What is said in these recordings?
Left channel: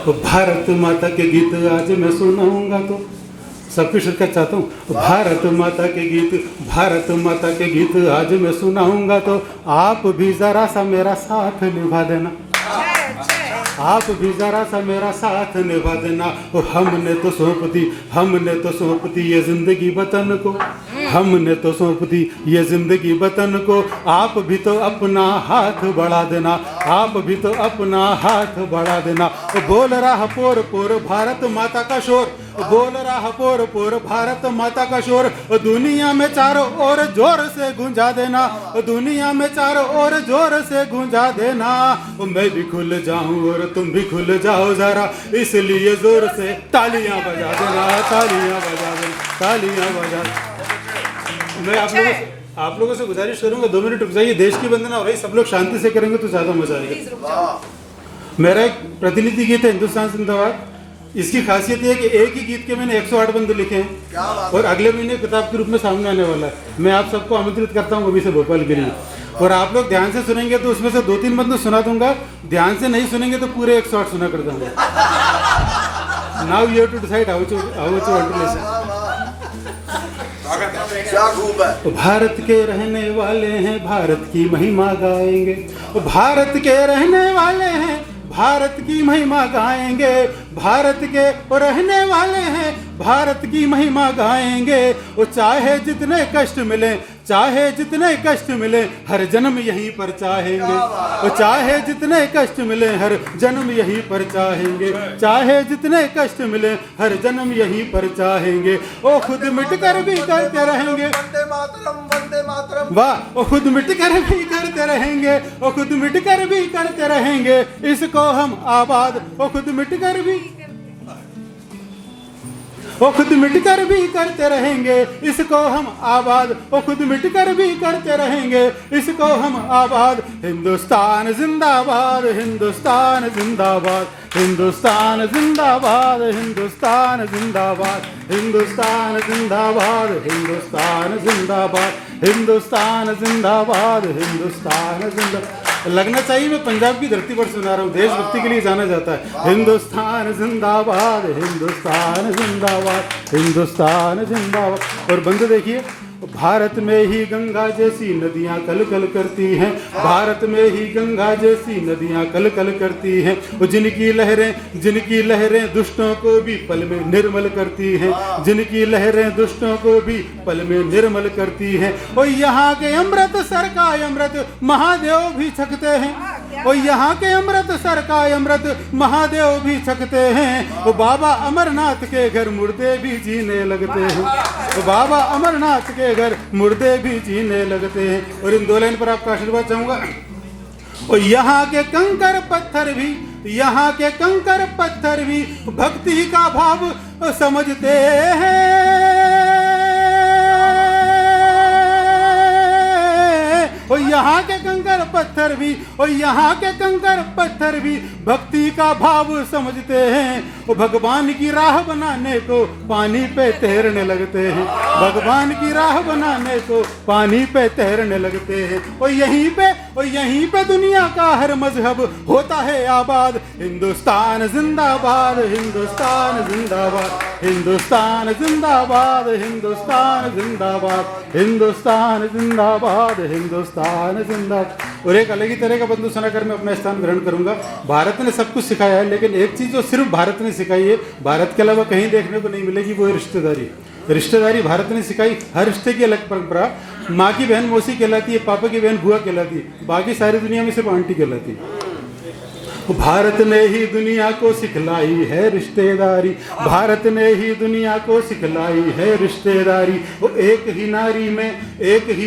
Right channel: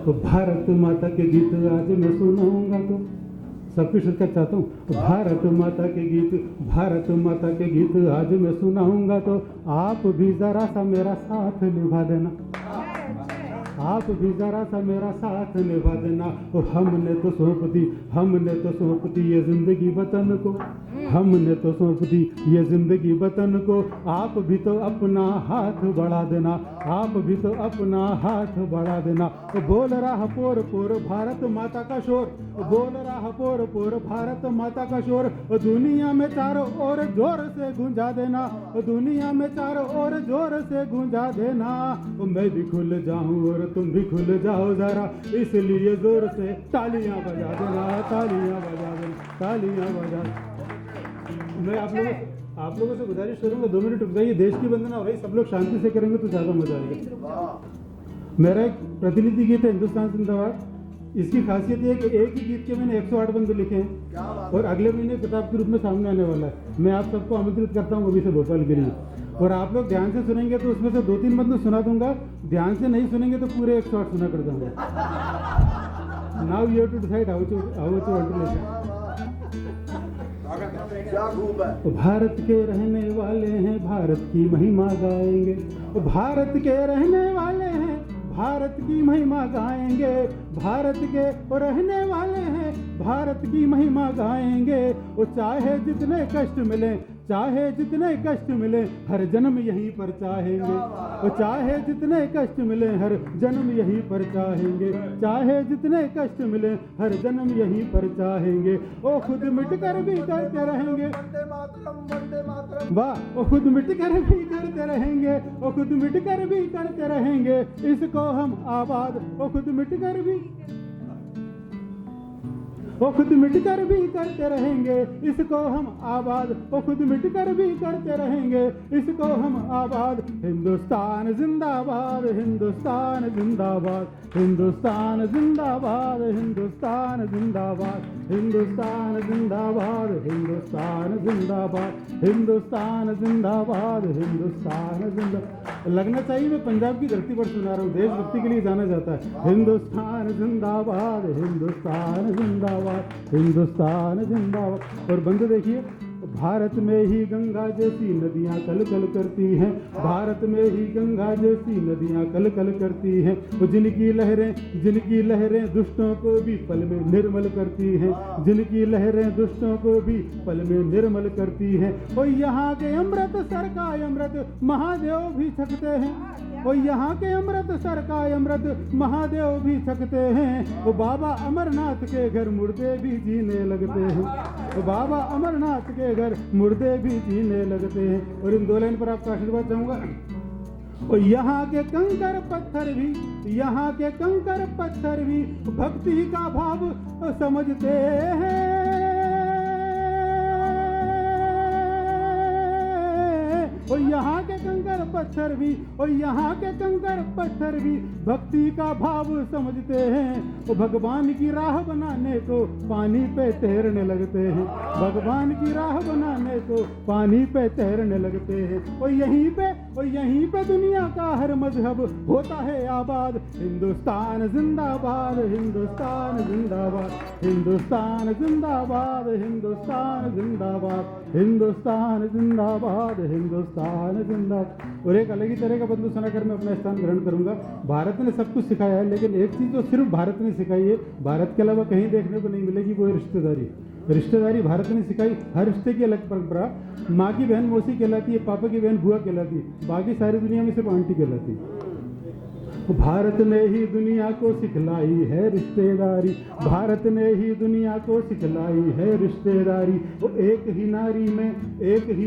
भारत माता के गीत आज मैं सुनाऊंगा तो सबकी शिरकत चाहता हूँ। भारत माता के गीत, भारत माता के गीत आज मैं सुनाऊंगा तो आप भी जरा सा मेरा साथ निभा देना, आप भी जरा सा मेरा साथ निभा देना। हमने तो सौंप दी, हमने तो सौंप दी ये जिंदगी वतन को, हमने तो सौंप दी ये जिंदगी वतन को। आप भी तो अपना हाथ बढ़ा देना, आप भी तो अपना हाथ बढ़ा देना। बोल रहा पोर पोर भारत माता का शोर, बोल रहा पोर पोर भारत माता का शोर। दुनिया में चारों ओर जोर से गूंजा देना, दुनिया में चारों ओर जोर से गूंजा देना। मैं भी खुल जाऊं और तुम भी खुल जाओ जरा, इसलिए जोर से तालियां बजा देना, तालियां बजा देना, तालियां बजा देना। मैं आप लोगों से गुजारिश करूंगा 2 मिनट रुक जाइए। देश की वंदना हो रही, सब लोग शांति से करेंगे तो ज्यादा मजा आएगा। मेरा एक प्रतिनिधि गीत है हिंदुस्तान जिंदाबाद। इसकी खासियत ये है कि एक ही गीत के मैंने 108 बंद लिखे हैं और अगले महीने किताब के रूप में सामने आने वाला है। मैं आप सबको आमंत्रित करता हूँ अभी से भोपाल के लिए, और आप लोग ध्यान से सुनेंगे तो उसमें से 2-3 बंद सुना दूंगा, ध्यान से नहीं सुनेंगे तो पूरे 108 सुना कर दूंगा। Now you have to decide how to want to listen. Bharat के रहने वाले हैं, भारत की महिमा गाएंगे, भारत के रहने वाले हैं, भारत की महिमा गाएंगे, भारत के रहने वाले हैं, भारत की महिमा गाएंगे। वो चाहे जितने कष्ट मिले, चाहे जितने कष्ट मिले, हर जन्म यहीं पर चाहेंगे। वो चाहे जितने कष्ट मिले, हर जन्म यहीं पर चाहेंगे, चाहे जितने कष्ट मिले, हर जन्म यहीं पर चाहेंगे। वो खुद मिट कर भी करते रहेंगे, वाह, वो खुद मिट कर भी करते रहेंगे, वो खुद मिट कर भी करते रहेंगे, इसको हम आबाद, वो खुद मिट कर भी, वो खुद मिटकर भी करते रहेंगे, इसको हम आबाद, वो खुद मिटकर भी करते रहेंगे, इसको हम आबाद। हिंदुस्तान जिंदाबाद, हिंदुस्तान जिंदाबाद, हिंदुस्तान जिंदाबाद, हिंदुस्तान जिंदाबाद, हिंदुस्तान जिंदाबाद, हिंदुस्तान जिंदाबाद, हिंदुस्तान जिंदाबाद, हिंदुस्तान जिंदाबाद। लगना चाहिए मैं पंजाब की धरती पर सुना रहा हूँ, देशभक्ति के लिए जाना जाता है। हिंदुस्तान जिंदाबाद, हिंदुस्तान जिंदाबाद, हिंदुस्तान जिंदाबाद। और बंद देखिए, भारत में ही गंगा जैसी नदियां कल कल करती हैं, भारत में ही गंगा जैसी नदियां कल कल करती हैं। वो जिनकी लहरें दुष्टों को भी पल में निर्मल करती हैं, जिनकी लहरें दुष्टों को भी पल में निर्मल करती हैं। और यहाँ के अमृतसर का अमृत महादेव भी छकते हैं, और यहाँ के अमृतसर का अमृत महादेव भी छकते हैं। वो बाबा अमरनाथ के घर मुर्दे भी जीने लगते हैं, वो बाबा अमरनाथ के घर मुर्दे भी जीने लगते हैं। और इन 2 लाइन पर आपका आशीर्वाद चाहूंगा। और यहाँ के कंकर पत्थर भी, यहाँ के कंकर पत्थर भी भक्ति का भाव समझते हैं। और यहाँ के कंकर पत्थर भी, और यहाँ के कंकर पत्थर भी भक्ति का भाव समझते हैं। वो भगवान की राह बनाने को पानी पे तैरने लगते हैं, भगवान की राह बनाने को पानी पे तैरने लगते हैं। और यहीं पे दुनिया का हर मजहब होता है आबाद। हिंदुस्तान जिंदाबाद, हिंदुस्तान जिंदाबाद, हिंदुस्तान जिंदाबाद, हिंदुस्तान जिंदाबाद, हिंदुस्तान जिंदाबाद, हिंदुस्तान जिंदाबाद। और एक अलग ही तरह का बंधु सुनाकर मैं अपना स्थान ग्रहण करूंगा। भारत ने सब कुछ सिखाया है, लेकिन एक चीज जो सिर्फ भारत ने सिखाई है, भारत के अलावा कहीं देखने को नहीं मिलेगी, वो है रिश्तेदारी। रिश्तेदारी भारत ने सिखाई। हर रिश्ते की अलग परंपरा। माँ की बहन मौसी कहलाती है, पापा की बहन बुआ कहलाती है, बाकी सारी दुनिया में सिर्फ आंटी कहलाती है। भारत ने ही दुनिया को सिखलाई है रिश्तेदारी, भारत ने ही दुनिया को सिखलाई है रिश्तेदारी। वो एक ही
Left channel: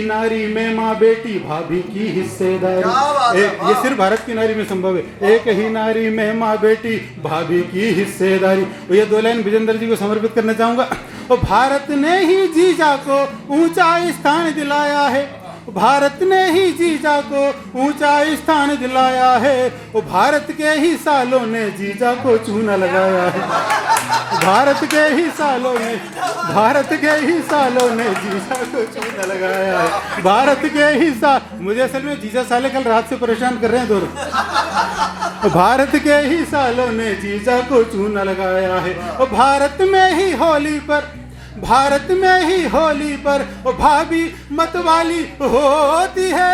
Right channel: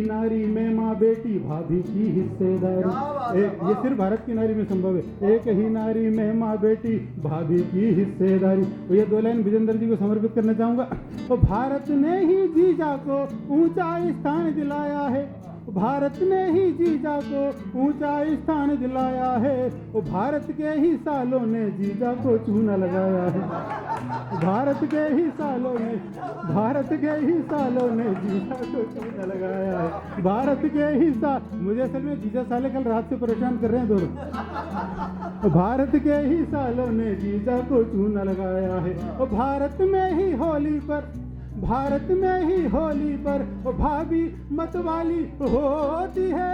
नारी में माँ बेटी भाभी की हिस्सेदारी। ये सिर्फ भारत की नारी में संभव है, एक ही नारी में माँ बेटी भाभी की हिस्सेदारी। ये 2 लाइन विजेंद्र जी को समर्पित करना चाहूंगा। और भारत ने ही जीजा को ऊंचा स्थान दिलाया है, भारत ने ही जीजा को ऊंचा स्थान दिलाया है। वो भारत के ही सालों ने जीजा को चूना लगाया है। भारत के ही सालों ने जीजा को चूना लगाया है। भारत के ही साल, मुझे असल में जीजा साले कल रात से परेशान कर रहे हैं दोनों। भारत के ही सालों ने जीजा को चूना लगाया है। और भारत में ही होली पर वो भाभी मतवाली होती है।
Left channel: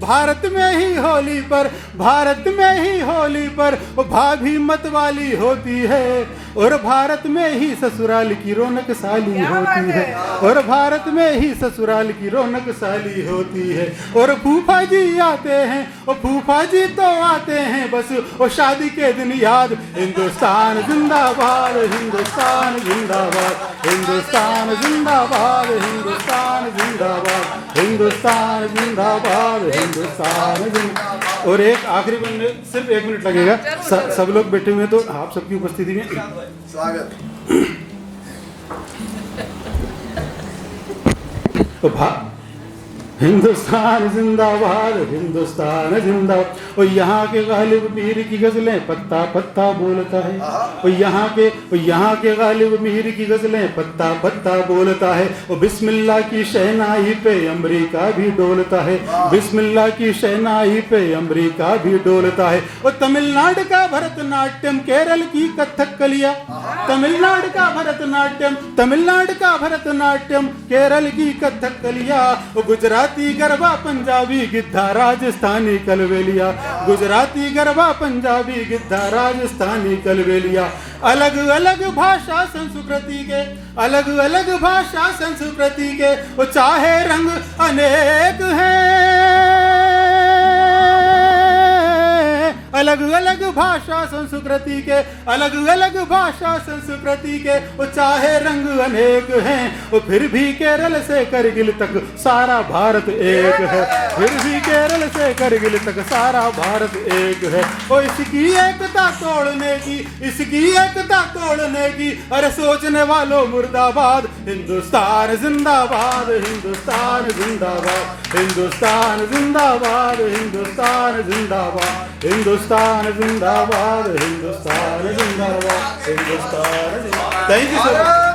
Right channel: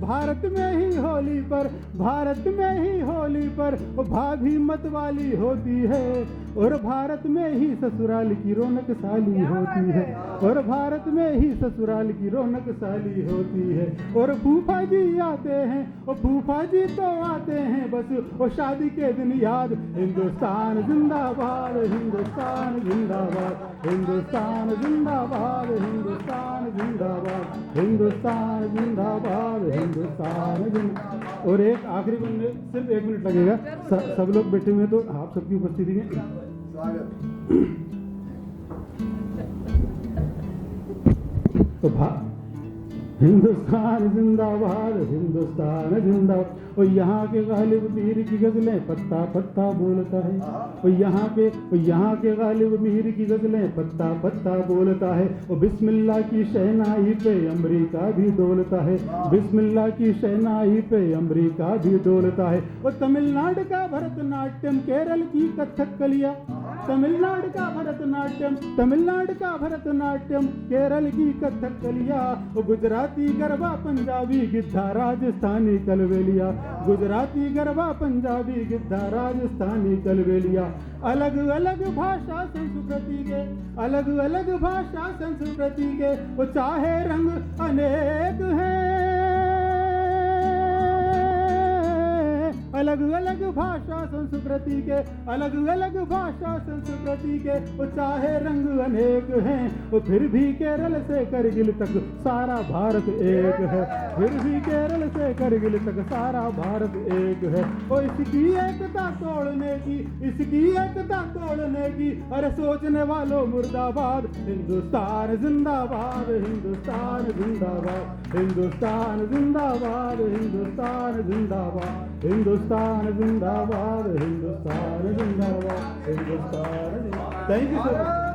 भारत में ही होली पर वो भाभी मतवाली होती है। और भारत में ही ससुराल की रौनक साली होती है। और भारत में ही ससुराल की रौनक साली होती है। और फूफा जी आते हैं, और फूफा जी तो आते हैं बस वो शादी के दिन याद। हिंदुस्तान जिंदाबाद, हिंदुस्तान जिंदाबाद, हिंदुस्तान जिंदाबाद, हिंदुस्तान जिंदाबाद, हिंदुस्तान जिंदाबाद, हिंदुस्तान जिंदाबाद। और एक आखिरी बनने सिर्फ 1 मिनट लगेगा। सब लोग बैठे हुए, तो आप सबकी उपस्थिति में स्वागत। तो हिंदुस्तान जिंदाबाद, हिंदुस्तान जिंदाबाद। और यहाँ के गालिब मीर की गजलें पत्ता पत्ता बोलता है। और यहाँ के गालिब मीर की गजलें पत्ता पत्ता बोलता है। और बिस्मिल्लाह की शहनाई पे अमेरिका भी डोलता है। बिस्मिल्लाह की शहनाई पे अमेरिका भी डोलता है। और तमिलनाडु का भरतनाट्यम, केरल की कथकलिया, तमिलनाडु का भरतनाट्यम, केरल की कथकलिया। और गुजराती गरबा, पंजाबी गिद्धा, राजस्थानी कलबेलिया। गुजराती गरबा, पंजाबी गिद्धा, राजस्थानी कलबेलिया। अलग अलग भाषा संस्कृति के वो चाहे रंग अनेक हैं। अलग अलग भाषा संस्कृति के वो चाहे रंग अनेक हैं। वो फिर भी केरल से करगिल तक सारा भारत एक है। फिर भी केरल से करगिल तक सारा भारत एक है। और इसकी एकता तोड़ने की अरे सोचने वालों मुर्दाबाद। हिंदुस्तान जिंदाबाद, हिंदुस्तान जिंदाबाद, हिंदुस्तान जिंदाबाद, हिंदुस्तान जिंदाबाद, हिंदुस्तान जिंदाबाद, हिंदुस्तान जिंदाबाद, हिंदुस्तान जिंदाबाद। Thank you sir.